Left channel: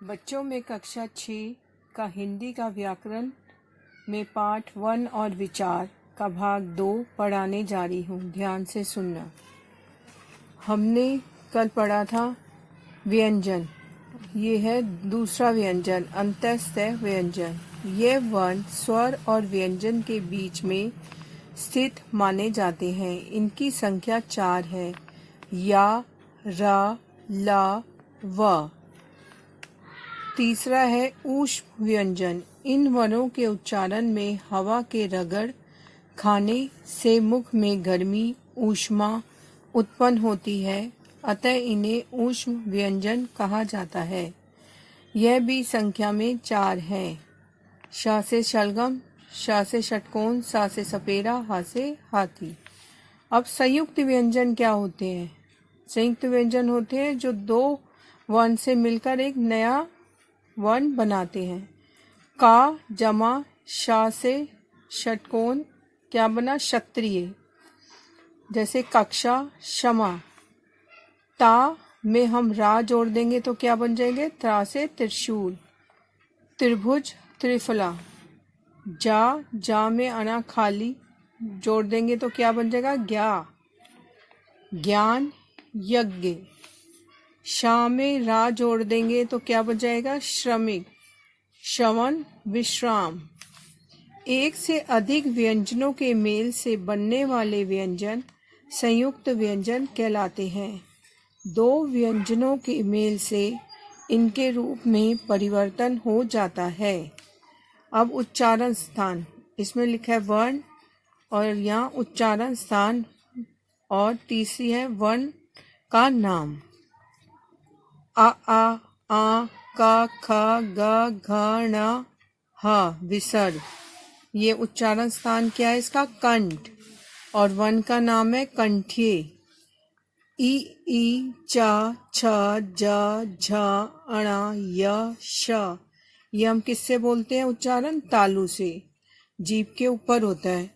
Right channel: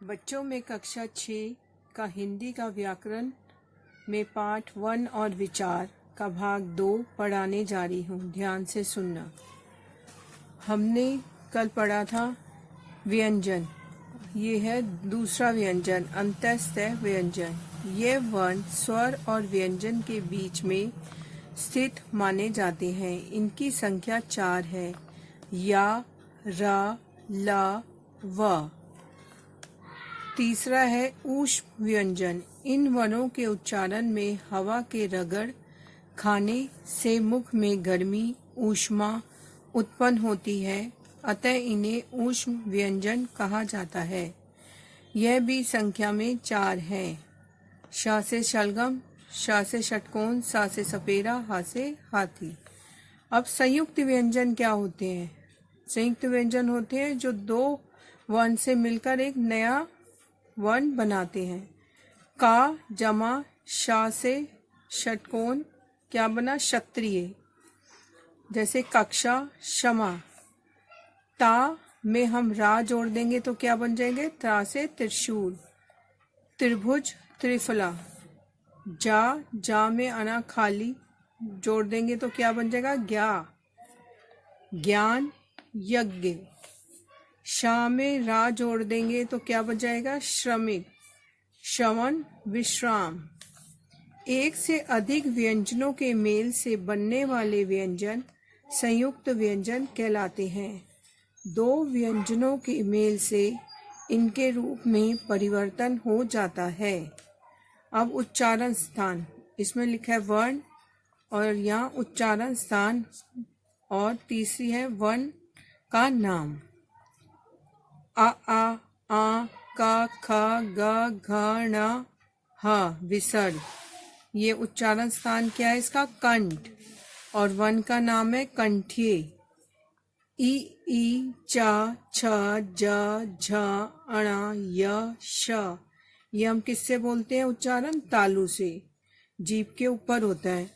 बच्चों में कक्षा 6 का हिंदी का व्याकरण में पाठ 1 और विचार का भाग 2 पढ़ाने जा रही हूँ। ध्यान से सुनना। हमने कल पढ़ा था व्यंजन। ये है दूसरा व्यंजन, अंतस्थ व्यंजन। ये वर्ण स्वर और व्यंजन के बीच में स्थित माने जाते हैं। इनकी संख्या 4 है, या, रा, ला, व। तीसरा है ऊष्म व्यंजन। इन वर्णों के उच्चारण में हवा के रगड़ खाने से मुख में गर्मी, ऊष्मा उत्पन्न होती है, अतः इन्हें ऊष्म व्यंजन कहा जाता है। यह भी संख्या में 4 है। श से शलगम, श से षटकोण, सा से सपेरा, हा से हाथी। अब संयुक्त व्यंजन क्या होते हैं? संयुक्त व्यंजन होते हैं जो दो वर्ण से मिलकर एक नया वर्ण बनाते हैं। का जमा शा से षटकोण क्या बना? क्षत्रिय। जैसे कक्षा, क्षमा। ता में हम रा जोड़ देंगे तो क्या बन जाएंगे? त्रा से त्रिशूल। त्रिभुज, त्रिफला। जा में अना खाली जोड़ देंगे तो क्या बन जाएगा? ज्ञा। ज्ञान, यज्ञ। शा में रा जोड़ देंगे तो क्या बन जाएगा? श्रमिक। श्रवण, विश्राम। एक से अधिक व्यंजनों के मेल से बनने वाले व्यंजन संयुक्त व्यंजन कहलाते हैं। दो व्यंजनों के मेल से इनके रूप में परिवर्तन हो जाता है। अब उच्चारण स्थान, इसमें लिखा है वर्ण और यहाँ उच्चारण स्थान, और तीसरी है वर्ण का नाम। आ, का, ख, ग, घ, ण, ह विसर्ग। ये उच्चारण स्थान क्या है इसका? कंठ। और वर्ण का नाम है कंठीय। ई, चा, छ, ज, झ, अणा, य, श। ये हम किससे बोलते हैं उच्चारण? तालु से। जीभ के ऊपर होता है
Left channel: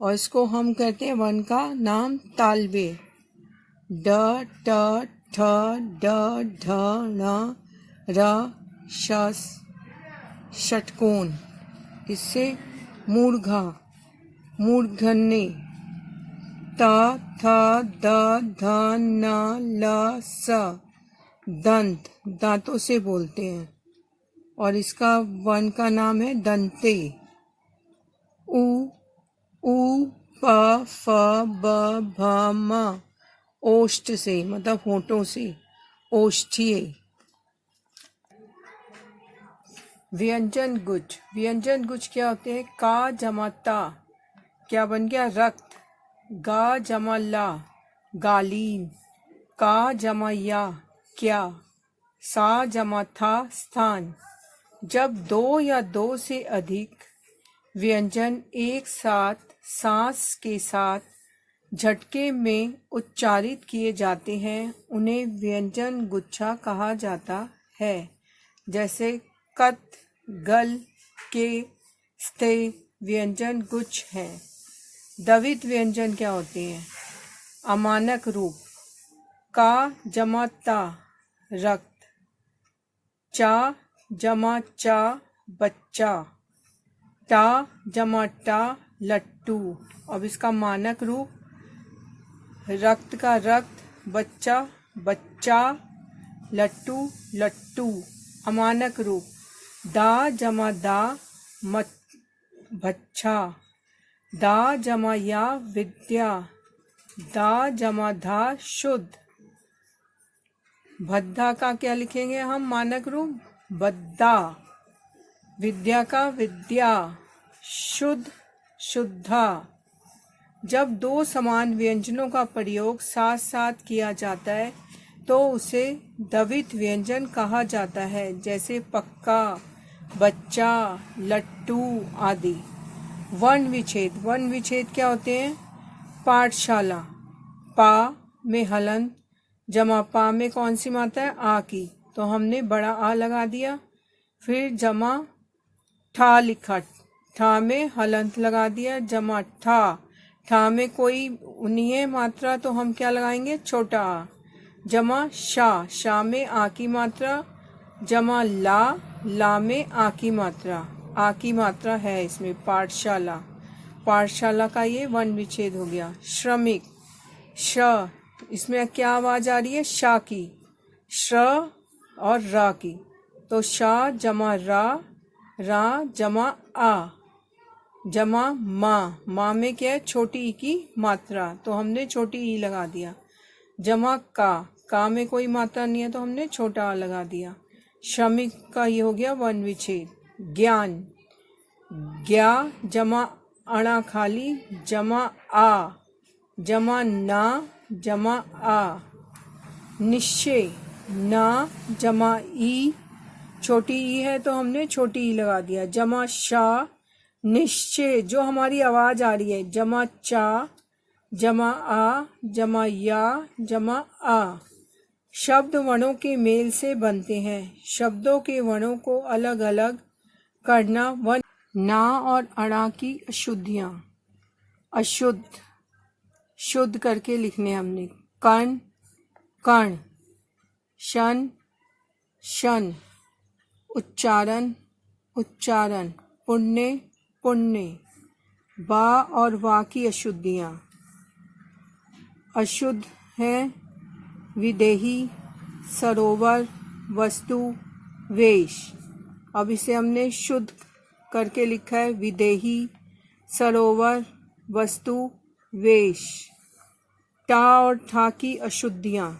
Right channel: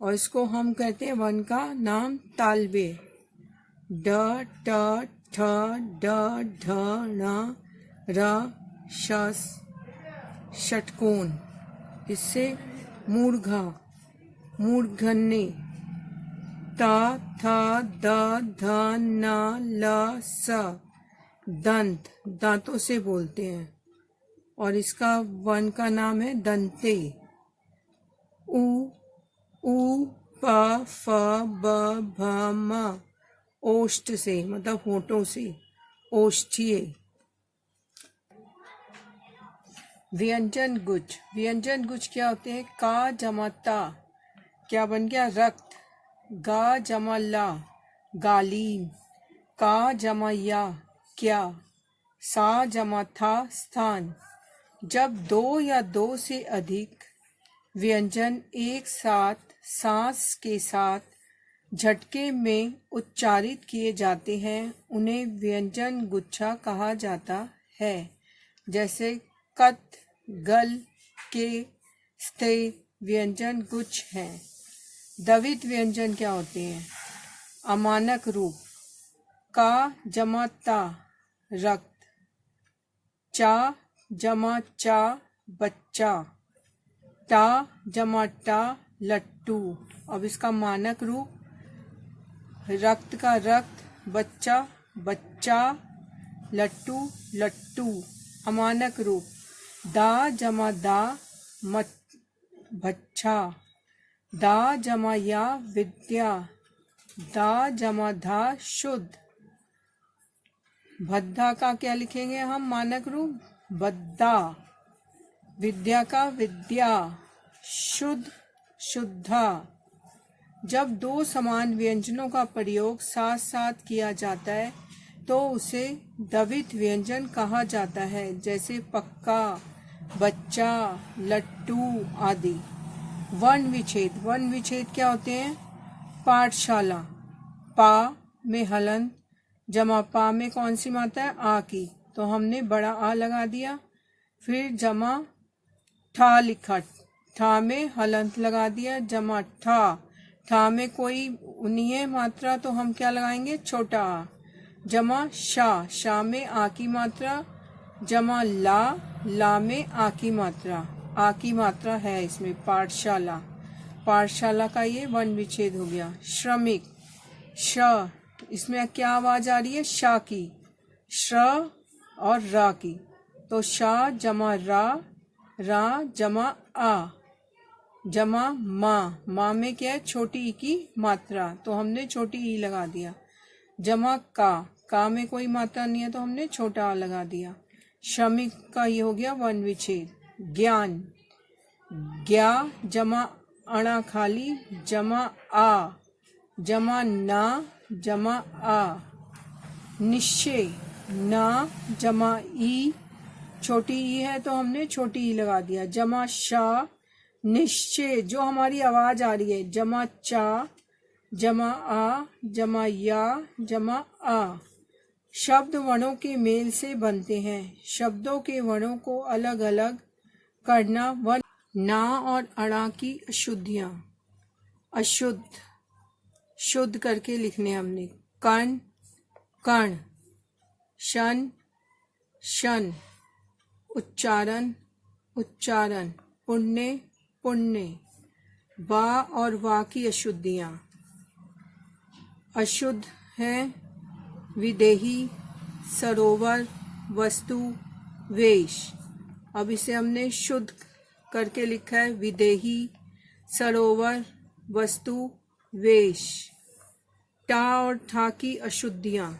और इसको हम कहते हैं वर्ण का नाम तालव्य। ड, ट, ठ, ड, ढ, ण, र, श षटकोण। इससे मूर्धा, मूर्धन्य। त, थ, द, ध, न, ल, स दंत, दांतों से बोलते हैं और इसका वर्ण का नाम है दंते। उ, प, फ, ब, भ, म ओष्ठ से, मतलब होठों से, ओष्ठीय। व्यंजन गुच्छ। व्यंजन गुच्छ क्या होते हैं? का जमा ता क्या बन गया? रक्त। गा जमा ला गालीन। का जमा या क्या। सा जमा था स्थान। जब दो या दो से अधिक व्यंजन एक साथ सांस के साथ झटके में उच्चारित किए जाते हैं उन्हें व्यंजन गुच्छा कहा जाता है। जैसे कत, गल, के, स्थे व्यंजन गुच्छ हैं। द्वित्व व्यंजन क्या होते हैं? अमानक रूप। का जमा ता रक्त। चा जमा चा बच्चा। टा जमा टा लट्टू। अब इसका मानक रूप रक्त का रक्त, बच्चा बच्चा, लट्टू लट्टू। अमानक रूप दा जमा दा भच्छा। दा जमा या विद्या। दा जमा धा शुद्ध। भद्दा का क्या लिखेंगे हम मानक रूप? बद्दा। विद्या का विद्या। शुद्ध, शुद्धा। जब दो समान व्यंजनों का प्रयोग साथ साथ किया जाता है तो उसे द्वित्व व्यंजन कहा जाता है। जैसे पक्का, बच्चा, लट्टू आदि। वर्ण विच्छेद। वर्ण विच्छेद क्या होते हैं? पाठशाला। पा में हलंत जमा पा में कौन सी मात्रा है? आ की, तो हमने बड़ा आ लगा दिया। फिर जमा ठा लिखा, ठा में हलंत लगा दिया, जमा ठा। ठा में कोई नहीं है मात्रा तो हम क्या लगाएंगे? छोटा आ। जमा शा, शा में आ की मात्रा जमा ला, ला में आ की मात्रा, आ की मात्रा है इसमें, पाठशाला, पाठशाला का ये वर्ण विच्छेद हो गया। श्रमिक, श, इसमें क्या आवाज आ रही है, शा की, श और रा की, तो शा जमा रा, रा जमा आ, जमा माँ, माँ में क्या है, छोटी ई की मात्रा, तो हमने छोटी ई लगा दिया। जमा का में कोई मात्रा नहीं है तो हमने छोटा आ लगा दिया। श्रमिक का ये हो गया वर्ण विच्छेद। ज्ञान, ज्ञा जमा अणा खाली, जमा आ, जमा ना, जमा आ। निश्चय, ना जमा ई, छोटी ई है तो हमने छोटी ई लगा दिया। जमा शा, निश्चय जो हमारी आवाज आ रही है, जमा चा, जमा आ, जमा या, जमा आ। शब्द वर्णों के मेल से बनते हैं। शब्दों के वर्णों को अलग अलग करना। वर्ण ना और अणा की अशुद्धियां, अशुद्ध शुद्ध करके लिखने हमने। कण, कण, शन, शन, उच्चारण, उच्चारण, पुण्य, पुण्य। बा और वा की अशुद्धियां, अशुद्ध है विदेही, सरोवर, वस्तु, वेश। अब इसे हमने शुद्ध करके लिखा है, विदेही, सरोवर, वस्तु, वेश। टा और ठा की अशुद्धियां,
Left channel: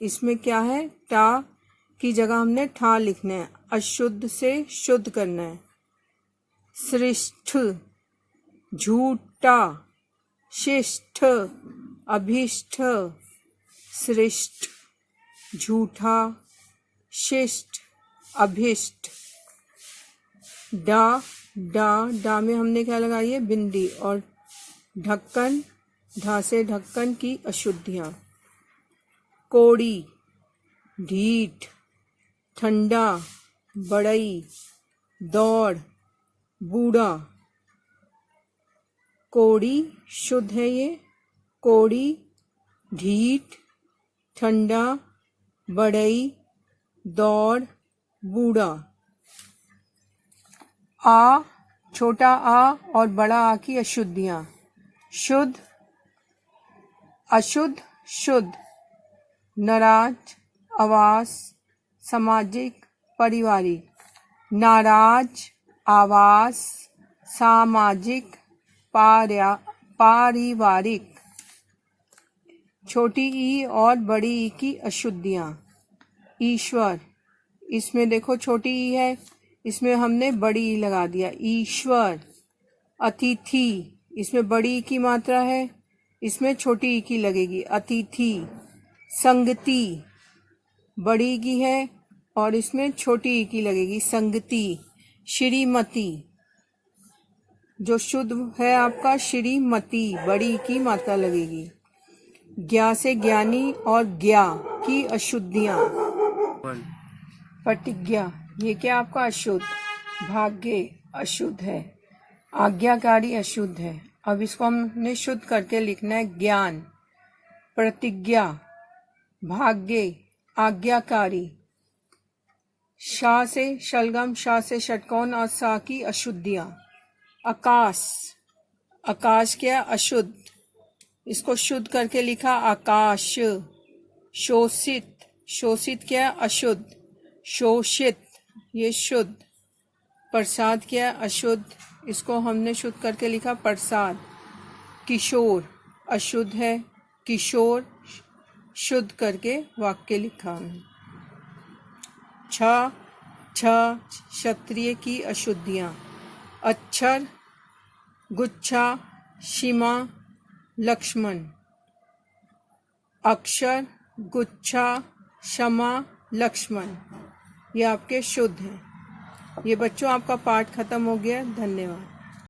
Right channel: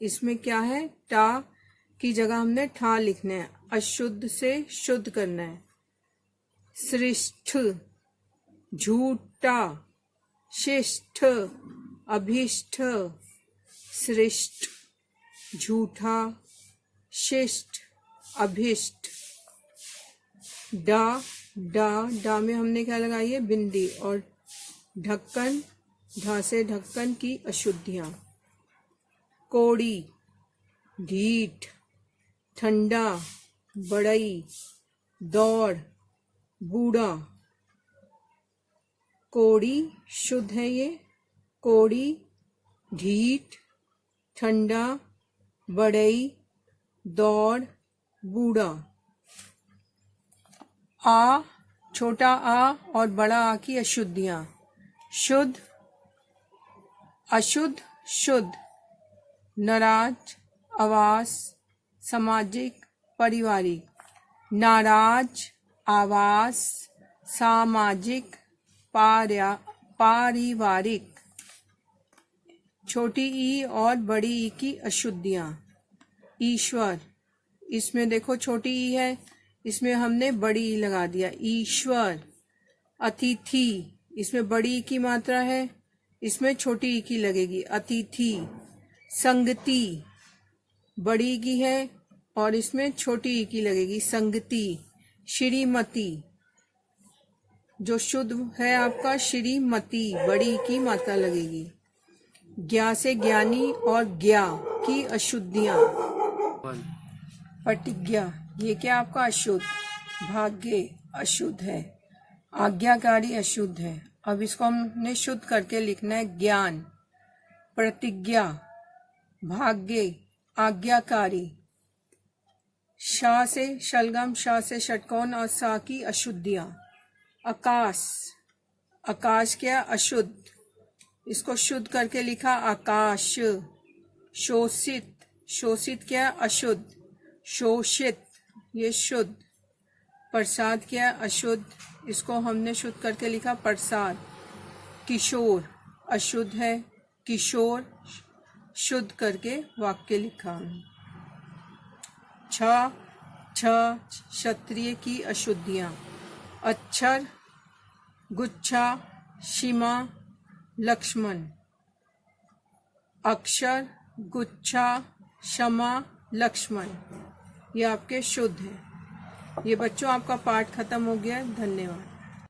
इसमें क्या है, टा की जगह हमने ठा लिखना है, अशुद्ध से शुद्ध करना है। श्रेष्ठ, झूठा, शिष्ट, अभिष्ट, श्रेष्ठ, झूठा, शिष्ट, अभिष्ट। डा, डा, डा में हमने क्या लगाई है, बिंदी। और ढक्कन, ढा से ढक्कन की अशुद्धियां। कोड़ी, ढीठ, ठंडा, बड़ई, दौड़, बूढ़ा। कोड़ी शुद्ध है ये, कोड़ी, ढीठ, ठंडा, बड़ई, दौड़, बूढ़ा। आ, छोटा आ और बड़ा आ की अशुद्धियां। शुद्ध, अशुद्ध, शुद्ध। नाराज, आवास, सामाजिक, पारिवारिक। नाराज, आवास, सामाजिक, पारिवारिक। छोटी ई और बड़ी ई की अशुद्धियां। ईश्वर, इसमें देखो छोटी ई है, इसमें हमने बड़ी ई लगा दिया, ईश्वर। अतिथि, इसमें बड़ी ई की मात्रा है, इसमें छोटी ई की लगेगी, अतिथि। संगति, बड़ी ई की है और इसमें छोटी ई की लगेगी, संगति। श्रीमती, जो शुद्ध है आपका श्रीमती, बड़ी की मात्रा लगेगी। ज्ञा से ज्ञानी और ज्ञा की अशुद्धियां। प्रतिज्ञा, ये क्या आपका अशुद्ध। भाग्य अशुद्ध है। आज्ञाकारी अशुद्ध है। अब इसको हमने शुद्ध करके लिखना है, ज्ञान, प्रतिज्ञा, भाग्य, आज्ञाकारी। शा से शलगम, शा से षटकोण और सा की अशुद्धियां। आकाश, आकाश क्या अशुद्ध, इसको शुद्ध करके लिखा आकाश। शोषित, शोषित क्या अशुद्ध, शोषित ये शुद्ध। प्रसाद क्या अशुद्ध, इसको हमने शुद्ध करके लिखा प्रसाद। किशोर अशुद्ध है, किशोर शुद्ध करके वाक्य लिखा। छ, क्षत्रिय की अशुद्धियां। अक्षर, गुच्छा, सीमा, लक्ष्मण। अक्षर, गुच्छा, क्षमा, लक्ष्मण, ये आपके शुद्ध हैं। ये बच्चों आपका पाठ खत्म हो गया। धन्यवाद।